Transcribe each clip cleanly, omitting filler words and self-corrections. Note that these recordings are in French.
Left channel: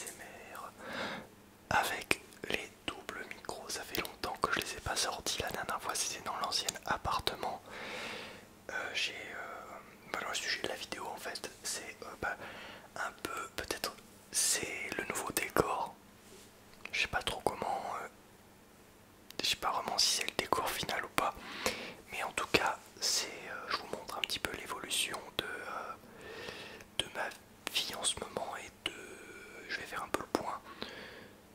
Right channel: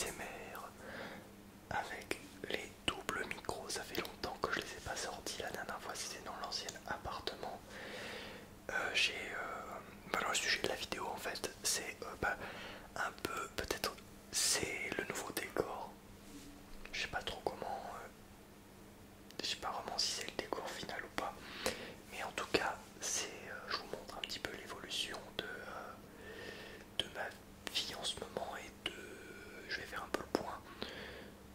ASMR avec les doubles micros. Ça fait longtemps que je les ai pas sortis. La dernière fois c'était dans l'ancien appartement. Dans le sujet de la vidéo en fait, c'est un peu peut-être c'est le nouveau décor. Je sais pas trop comment, je sais pas vraiment si c'est le décor final ou pas, mais en tout cas je vous montre un petit peu l'évolution de ma vie en ce moment je vais faire un peu le point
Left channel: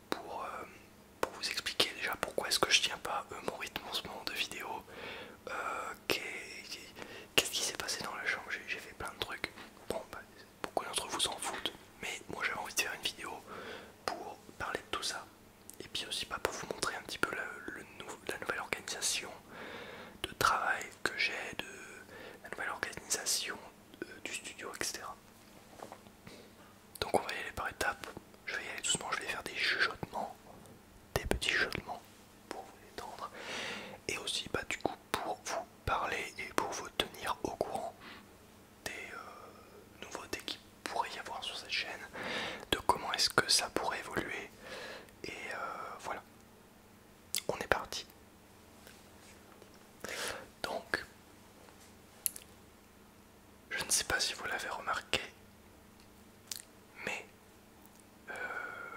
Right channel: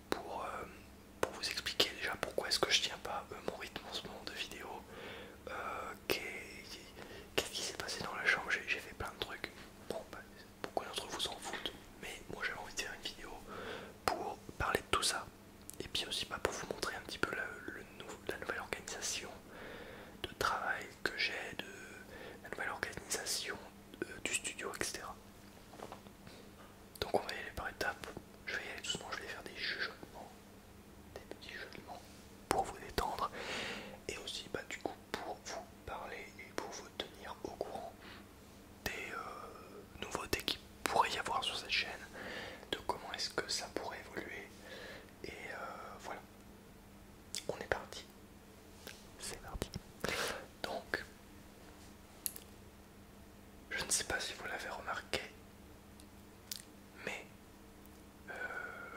pour vous expliquer déjà pourquoi est-ce que je tiens pas mon rythme en ce moment de vidéo. Qu'est-ce qui s'est passé dans la chambre? J'ai fait plein de trucs. Bon, beaucoup d'entre vous s'en foutent, mais moi j'avais envie de faire une vidéo pour parler de tout ça. Et puis aussi pour vous montrer un petit peu la nouvelle organisation de travail que j'ai, la nouvelle organisation du studio, etc. Donc on va y aller par étapes. Je vais y aller doucement, je vais faire des chuchotements, des petits chuchotements pour vous détendre. Et aussi du coup pour vous parler et pour vous tenir au courant des nouveautés qu'il pourrait y avoir sur cette chaîne, de comment est-ce que ça pourrait évoluer. Et voilà, on est parti. C'est parti. Donc, je ne sais pas si vous l'avez remarqué, mais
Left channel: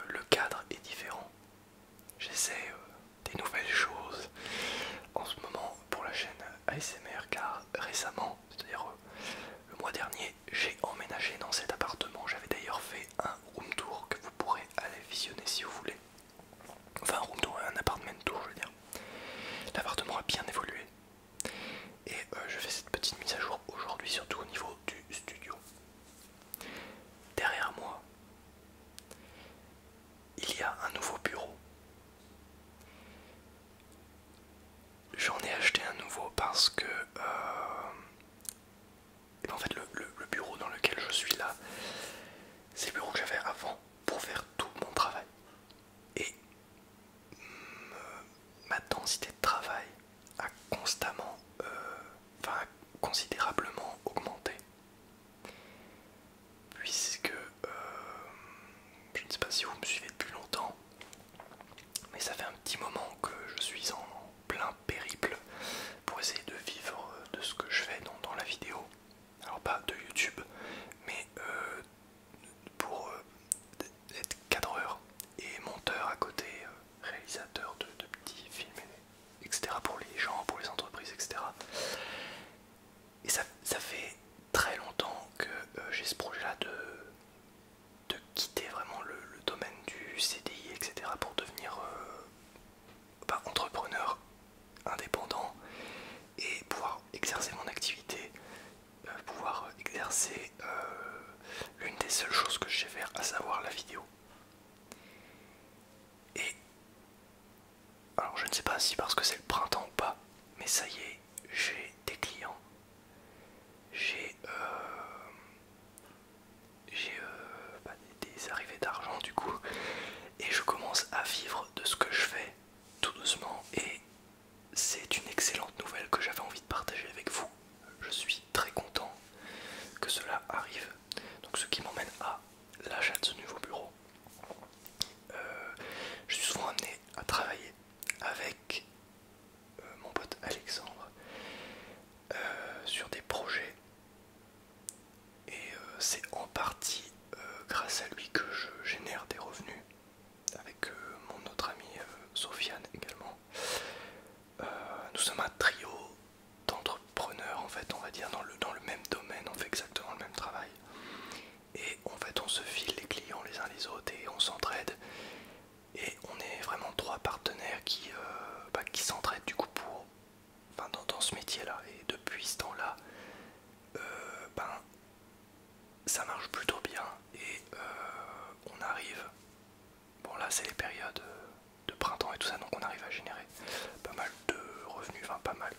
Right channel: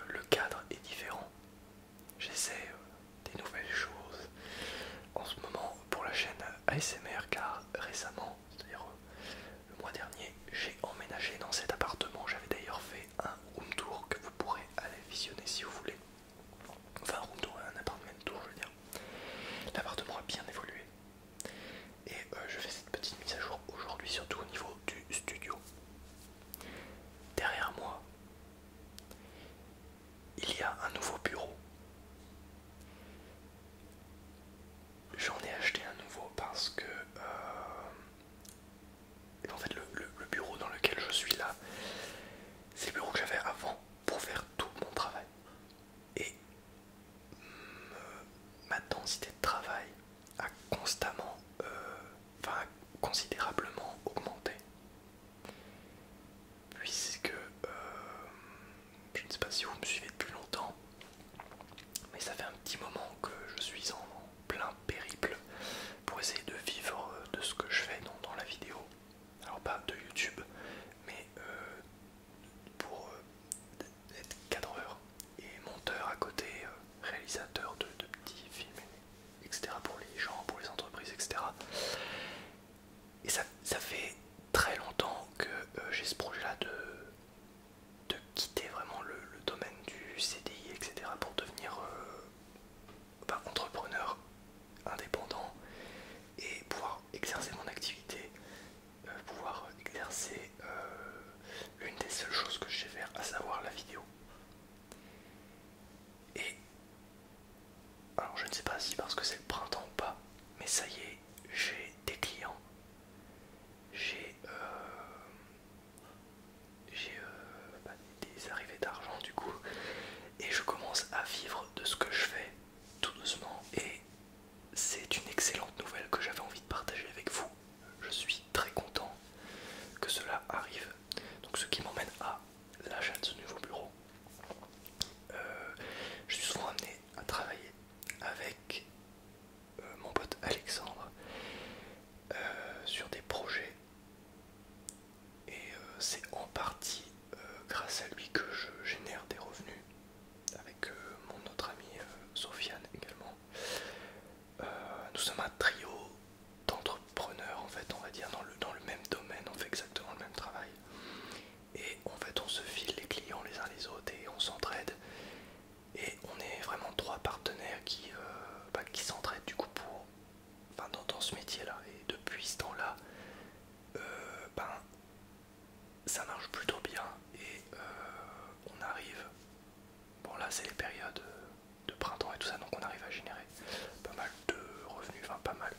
le cadre est différent. J'essaie des nouvelles choses en ce moment pour la chaîne ASMR, car récemment, c'est-à-dire le mois dernier, j'ai emménagé dans cet appartement. J'avais d'ailleurs fait un room tour que vous pourrez aller visionner si vous voulez. Enfin, un room tour, un appartement tour, je veux dire. L'appartement a bien évolué. Et je fais cette petite mise à jour aujourd'hui, surtout au niveau du studio. Derrière moi, il y a un nouveau bureau. J'en ai acheté un nouveau parce que en fait le bureau dans lequel je suis là, c'est le bureau que j'avais avant pour faire tout mon travail. Et ma densité de travail a constamment, considérablement augmenté. Puisque, je ne sais pas si vous me suivez depuis longtemps, mais ça fait un petit moment que je suis en plein périple pour essayer de vivre de ce que je fais dans la vidéo. Alors pas de YouTube, mais pour être cadreur et monteur à côté, réalisateur de petits films, etc. pour les gens, pour les entreprises, etc. Et ça fait très longtemps que j'ai ce projet là de quitter vraiment le domaine du CDI, etc. pour devenir entrepreneur indépendant et pouvoir exercer mon activité, pouvoir exercer l'une des seules choses que je sais faire, à savoir la vidéo. Et alors je ne sais pas si parce que c'est le printemps ou pas, mais ça y est, j'ai des clients, j'ai des arrivées d'argent du coup, et je commence à vivre de ce que je fais tout doucement, et c'est une excellente nouvelle que j'avais envie de partager avec vous. Je suis très content que cela arrive. Donc ce qui m'emmène à l'achat de ce nouveau bureau. Je suis souvent amené à travailler avec mon pote Alexandre sur des projets, et c'est en partie grâce à lui que je génère des revenus, avec mon autre amie Sofiane également. Nous sommes un trio d'entrepreneurs en fait, on va dire, dans le même domaine, on fait exactement le même travail. Et en fait on se file les clients les uns les autres et on s'entraide. Et on est vraiment trois partenaires qui s'entraident du coup dans ce métier là. Et depuis ce temps là, ça marche plutôt bien. Et on arrive, bon là c'est les périodes de printemps et tout ça, donc on arrive à générer pas mal de revenus, enfin pas mal,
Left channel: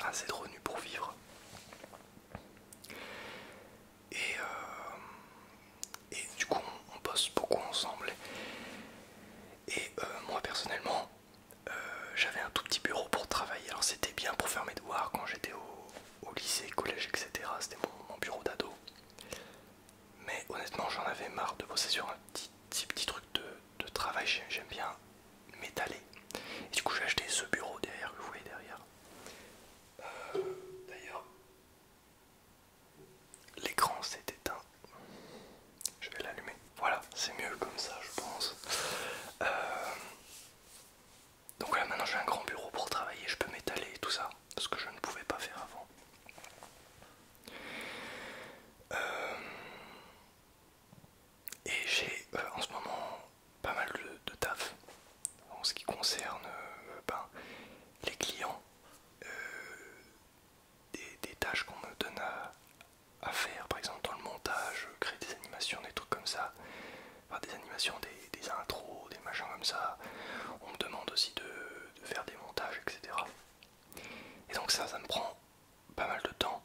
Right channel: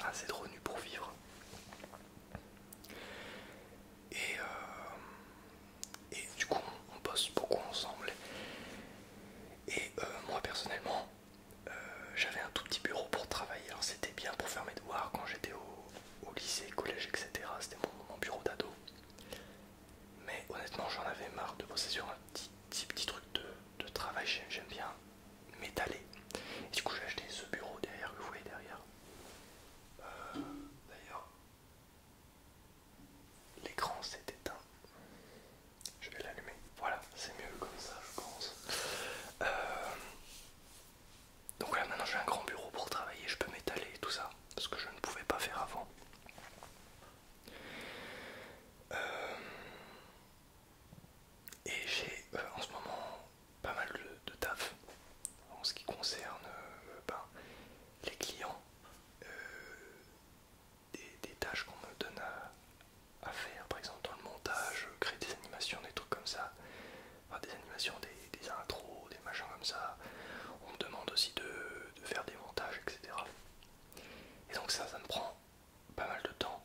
assez de revenus pour vivre. Et du coup on bosse beaucoup ensemble. Et moi personnellement, j'avais un tout petit bureau pour travailler. Alors c'était bien pour faire mes devoirs quand j'étais au lycée, collège, etc. C'était mon bureau d'ado. Mais honnêtement j'en avais marre de bosser sur un petit truc création des intros, des machins comme ça. On me demande aussi de faire des montages, etc. Et donc ça me prend pas mal de temps,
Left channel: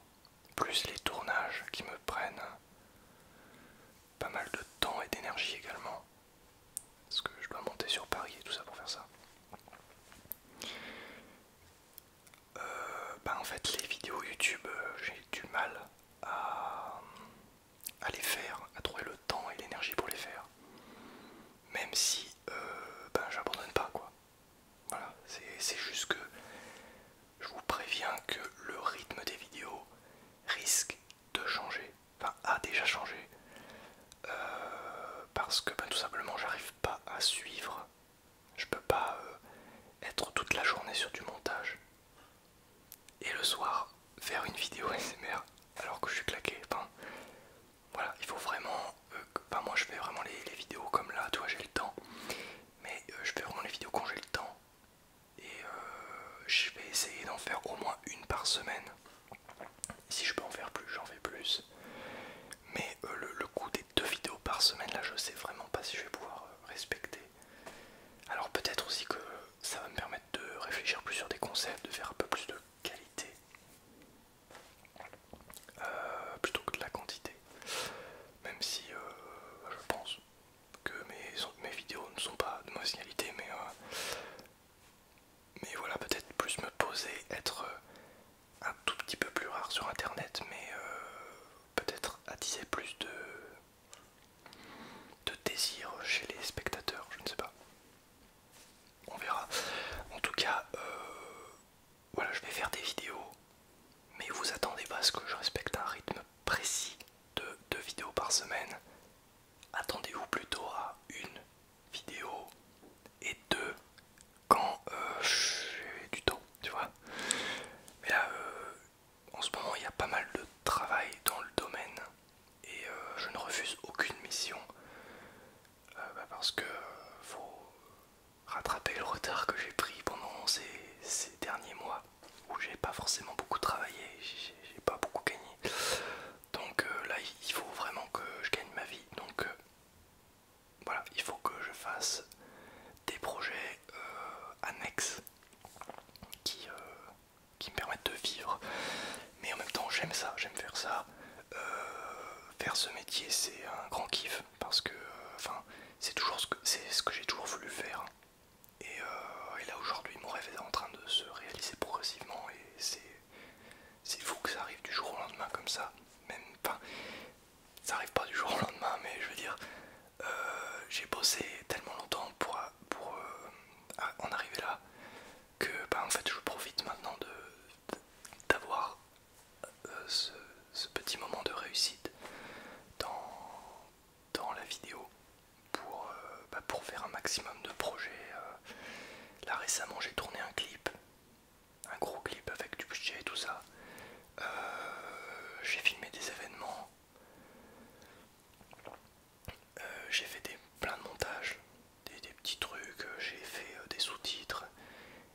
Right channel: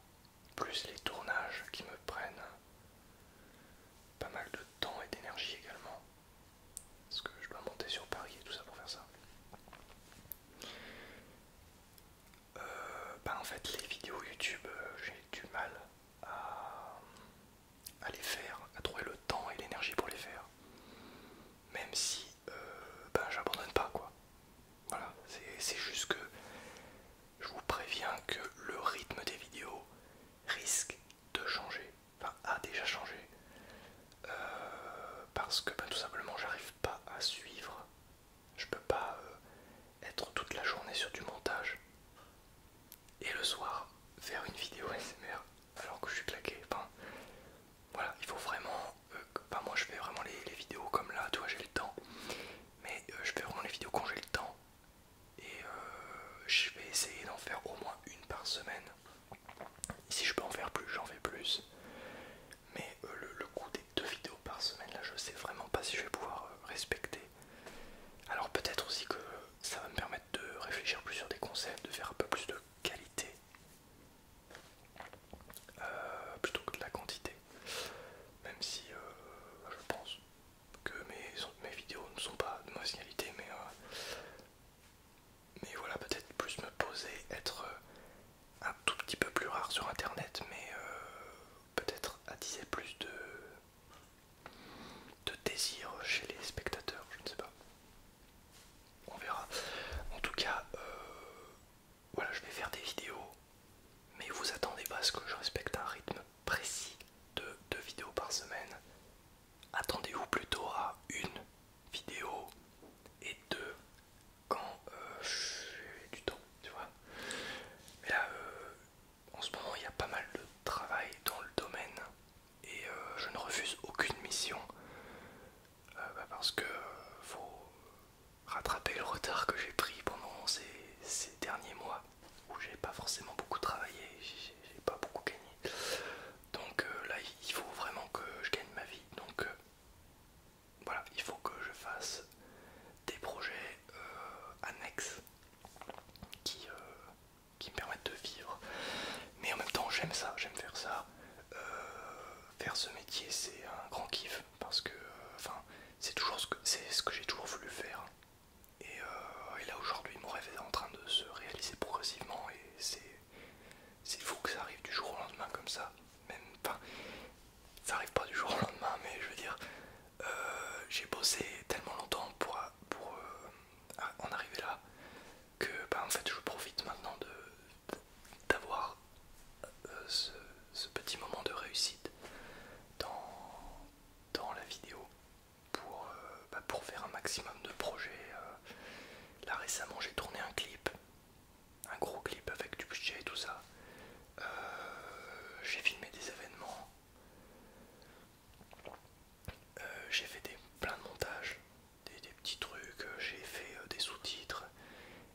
plus les tournages qui me prennent pas mal de temps et d'énergie également, parce que je dois monter sur Paris et tout ça pour faire ça. En fait les vidéos YouTube, j'ai du mal à les faire, à trouver le temps et l'énergie pour les faire, même si j'abandonne pas quoi. Voilà, c'est juste que je vous préviens que le rythme des vidéos risque de changer, enfin a déjà changé, parce que tout simplement j'arrive pas à suivre. Je peux pas être toute la journée sur du montage et le soir faire une vidéo ASMR alors que je suis claqué. Enfin, voilà, il faut vraiment. Moi je fais vraiment les vidéos comme là, toi j'ai le temps, mais je fais vraiment les vidéos quand j'ai le temps et je vais essayer d'en faire au moins une par semaine. Si je peux en faire plus, j'en fais plus. Mais le coup des 2 vidéos par semaine, là, je sais vraiment pas si je vais pouvoir respecter. Alors peut-être aussi que ça va me permettre de réfléchir plus sur des concepts, de faire un peu plus de qualité plutôt que de la quantité. Même si je pense que mes vidéos ne sont pas de mauvaise qualité, mais voilà, peut-être plus me poser, être un tout petit peu plus rare sur internet, mais peut-être attiser plus de désir chez les spectateurs, je ne sais pas. On verra. En tout cas, voilà, je vais faire des vidéos, mais vous attendez pas à ce que je respecte un rythme précis de 2 vidéos par semaine. Attendez-vous plutôt à une vidéo et 2 quand j'ai du temps, tu vois. Mais là, en ce moment, il y a pas mal de travail dans le domaine et je ne refuse aucune mission parce que faut rattraper le retard que j'ai pris pendant ces derniers mois où j'ai pas forcément beaucoup travaillé, j'ai pas beaucoup gagné. Donc là, il faut vraiment que je gagne ma vie. Donc voilà, il faut que je fasse des projets annexes qui, qui me permettent de vivre. Mais en même temps, j'aime ça, j'aime faire ça. Faire ce métier, c'est un grand kiff parce que, c'est toujours ce que j'ai toujours voulu faire. Et là aujourd'hui, mon rêve est en train de se réaliser progressivement et c'est fou que ça arrive du jour au lendemain comme ça. Même, ça arrive pas du jour au lendemain, mais je veux dire, j'ai bossé tellement longtemps pour en arriver là que en fait je profite maintenant d'avoir ce petit moment de réussite dans la vidéo pour faire un maximum de projets. Là récemment j'ai tourné un clip, un gros clip avec du budget et tout ça. J'ai filmé des événements, j'ai fait plein de montages, des petits trucs, j'ai fait des sous-titres.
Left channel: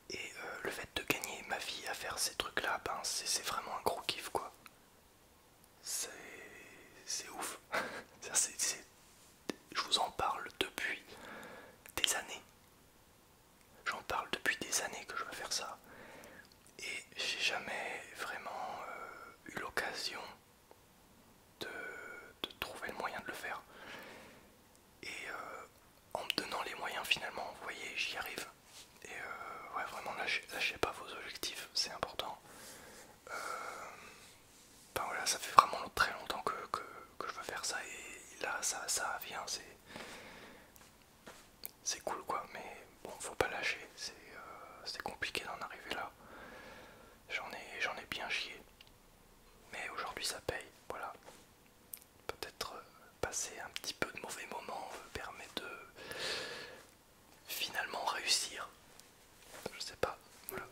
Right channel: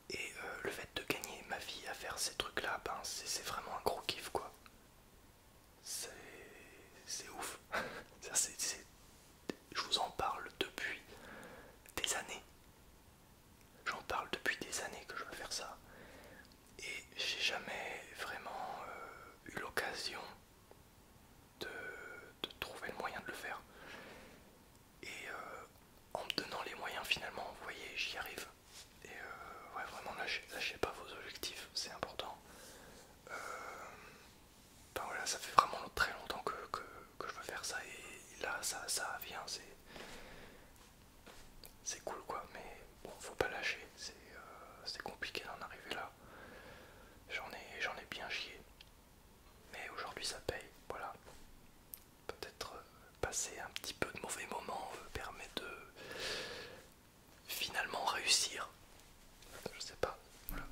Et le fait de gagner ma vie à faire ces trucs là, c'est vraiment un gros kiff quoi. C'est ouf. Je vous en parle depuis des années. J'en parle depuis des années que je veux faire ça. Et j'ai jamais vraiment eu l'occasion de trouver le moyen de le faire. Et en me donnant les moyens finalement, vous voyez, j'y arrive. Et ouais, vraiment lâchez pas vos objectifs, c'est important. Voilà, ça fait vraiment très longtemps que je veux faire ça et là ça vient, c'est cool quoi, mais bon, faut pas lâcher, c'est compliqué d'en arriver là. J'en ai bien chié, mais aujourd'hui ça paye, voilà. Peut-être passer un petit peu de mauvais moments permet de finalement réussir, je sais pas. Voilà.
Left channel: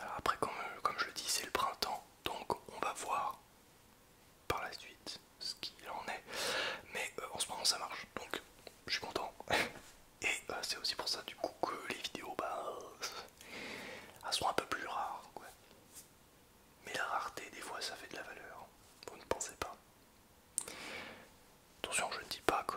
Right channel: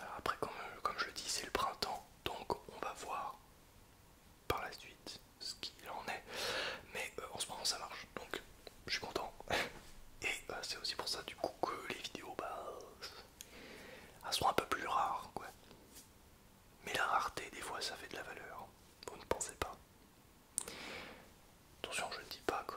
Alors après, comme je le dis, c'est le printemps, donc on va voir par la suite ce qu'il en est. Mais en ce moment ça marche, donc je suis content. Et c'est aussi pour ça du coup que les vidéos elles sont un peu plus rares quoi. Mais la rareté des fois ça fait de la valeur. Vous ne pensez pas? Attention, je ne dis pas que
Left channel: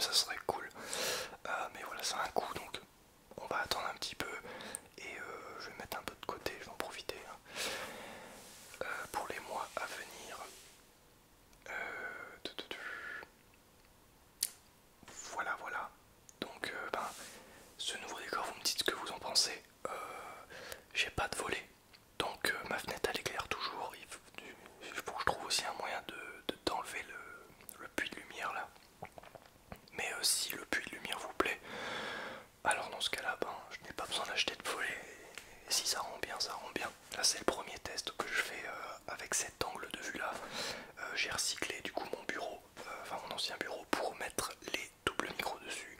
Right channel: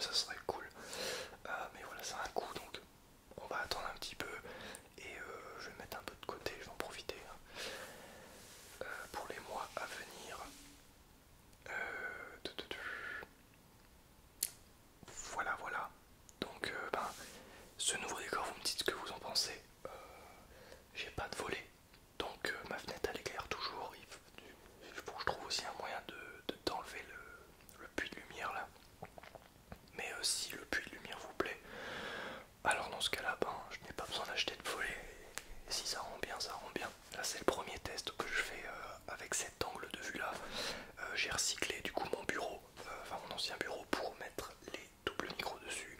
même ça serait cool. Mais voilà, c'est un coût, donc on va attendre un petit peu et je vais mettre un peu de côté, je vais en profiter hein, pour les mois à venir. Voilà, voilà. Donc, ce nouveau décor, vous me dites ce que vous en pensez. J'ai pas de volet, donc ma fenêtre elle éclaire toujours. Il faut que je trouve aussi un moyen d'enlever le puits de lumière là. Mais si le puits de lumière vous plaît, alors dans ce cas-là, je n'ai pas besoin d'acheter de volet. Et si ça rend bien, ça rend bien. Là, c'est le premier test que je fais avec cet angle de vue là. J'ai recyclé du coup mon bureau, enfin mon ancien bureau, pour mettre les doubles micros dessus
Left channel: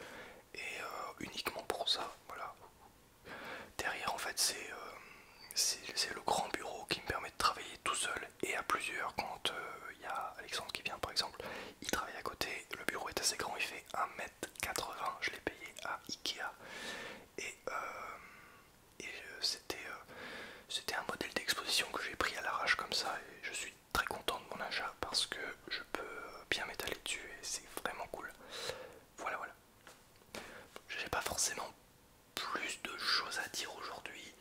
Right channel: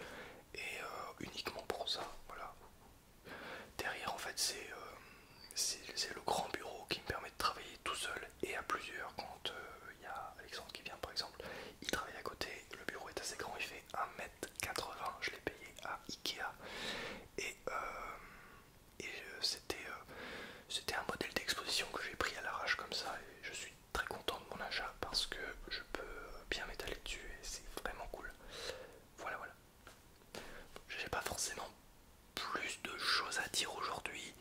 et uniquement pour ça. Voilà. Derrière, en fait, c'est le grand bureau qui me permet de travailler tout seul et à plusieurs. Quand il y a Alexandre qui vient, par exemple, il travaille à côté. Le bureau est assez grand, il fait 1,80 m. Je l'ai payé à Ikea. Et, c'était un modèle d'exposition que j'ai pris à l'arrache comme ça. Et je suis très content de mon achat parce que je peux bien m'étaler dessus et c'est vraiment cool. Voilà, voilà. J'ai pas forcément plus de choses à dire aujourd'hui.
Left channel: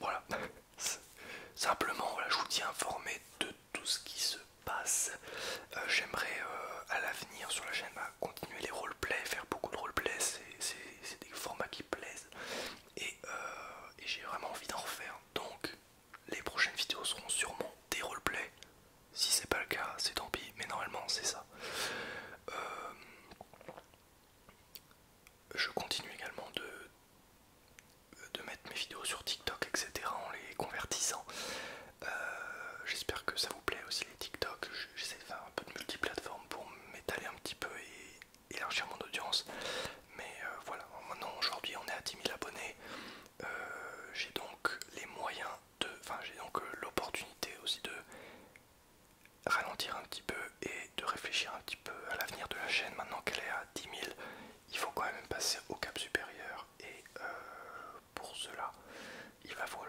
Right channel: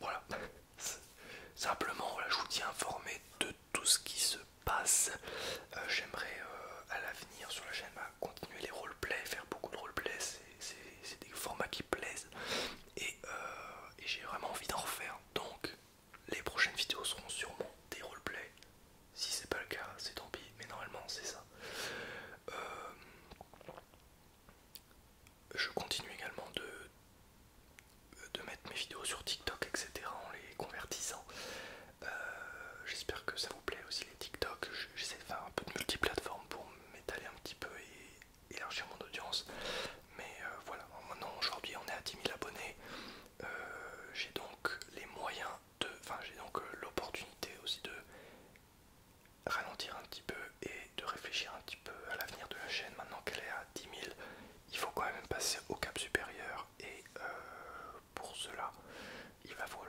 Voilà. Simplement, voilà, je vous tiens informé de tout ce qui se passe. J'aimerais à l'avenir sur la chaîne continuer les roleplays, faire beaucoup de roleplays. C'est des formats qui plaisent et j'ai vraiment envie d'en refaire. Donc, les prochaines vidéos seront sûrement des roleplays. Si c'est pas le cas, c'est tant pis, mais normalement c'est ça. Je continue également de mettre mes vidéos sur TikTok, etc. en les convertissant. J'espère que ça vous plaît aussi les TikTok. J'essaie de faire un peu de multiplateforme pour m'étaler un petit peu et élargir mon audience. Mais voilà, maintenant aujourd'hui on est à 10 000 abonnés. J'ai donc les moyens de... Enfin j'ai donc l'opportunité aussi de ralentir un petit peu et de réfléchir un petit peu à l'avenir de la chaîne. Maintenant qu'elle est à 10 000, il faut quand même passer au cap supérieur et pour cela il va falloir